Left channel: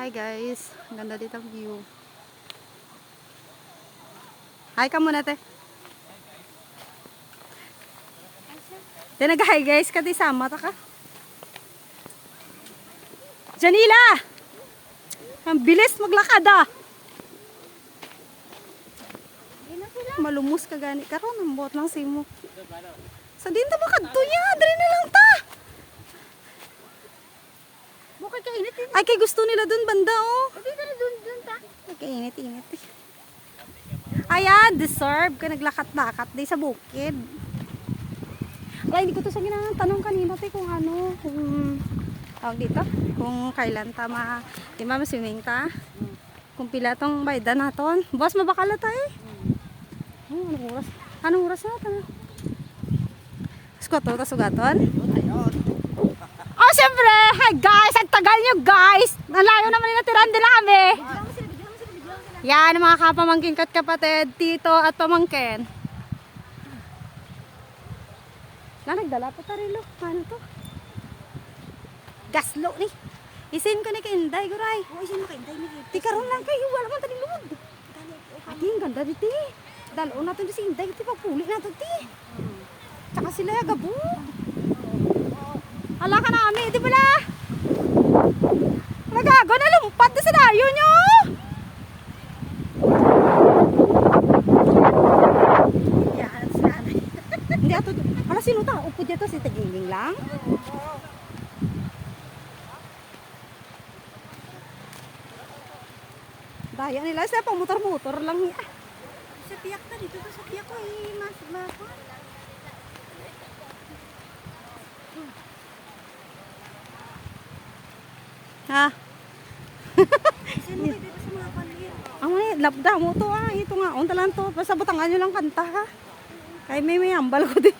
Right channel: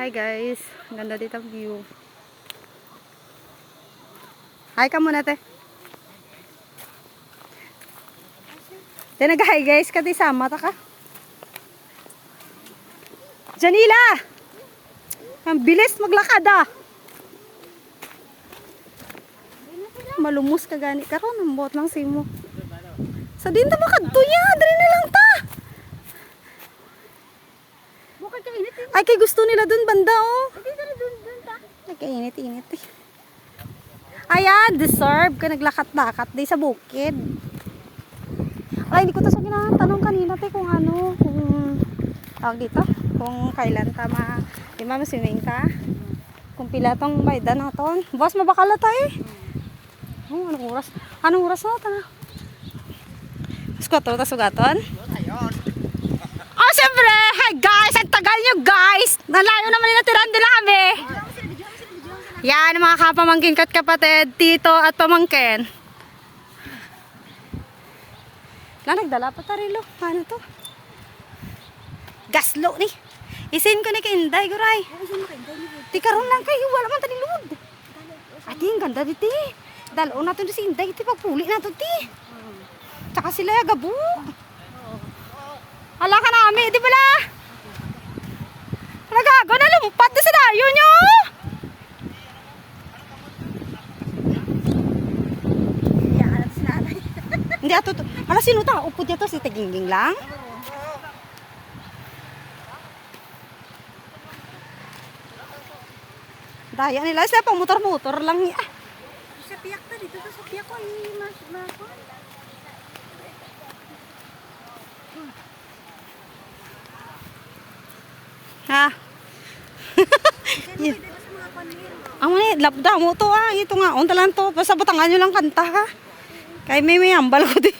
Hi guys, ang ganda dito ang view. Hi ka muna te. Te nag-hi guys, kati sama ta ka. Janila! Ang bilis maglakad ah. Malumos ka gani karon, ang buot lang simo. Sa din ta makadtuya, dali na lang ta. Bukay ka init. Ay kay gusto nila dun banda oh. Hindi ka dun ta. Ay kay init eh. Ayan, deserve ka naglakat-lakat di sa bukid. Ay, hindi ko to sa ginatanong kanina te kung ano, kung tawag dito, kung kailan ta di ma-swimming ta. Kung pila tong bayda naton. Boss, mabakala ta eh. Oh, anong oras? Anong oras na ta? Sugaton, sugaton? Oh, siyempre! Hey guys! Ang tagal nyo guys! Nalayo naman nila tirandila kami! Yan, mga kapamangkin kat kapatid, tito at pamangkin. Nagdala pa tarilo. Ano to? Gaslo ni. Isin ko ni kay Inday, guray. Di karon lang kayo, wala man tani lud. Ati, ang ganda dito. Dalo natin si Inday, iti pagpuli natin ti. Tsaka sila ya gabo. Ala ka namin, di bala? Nagago na lumpat di sa dayo nyo. Hindi ato to. Ala sino ta? Upod niya to si Tigingling lang. Daya nila sa pang motor-motor lang ya. Sa piyak ta dito sa piyak ko ay mas. Ha? Dito sa mga panahon. Ang mani, labda mo to ah. Ito nga, unta lang to. Basta batangan nyo lang kanta ha. Kay may ambal ko di.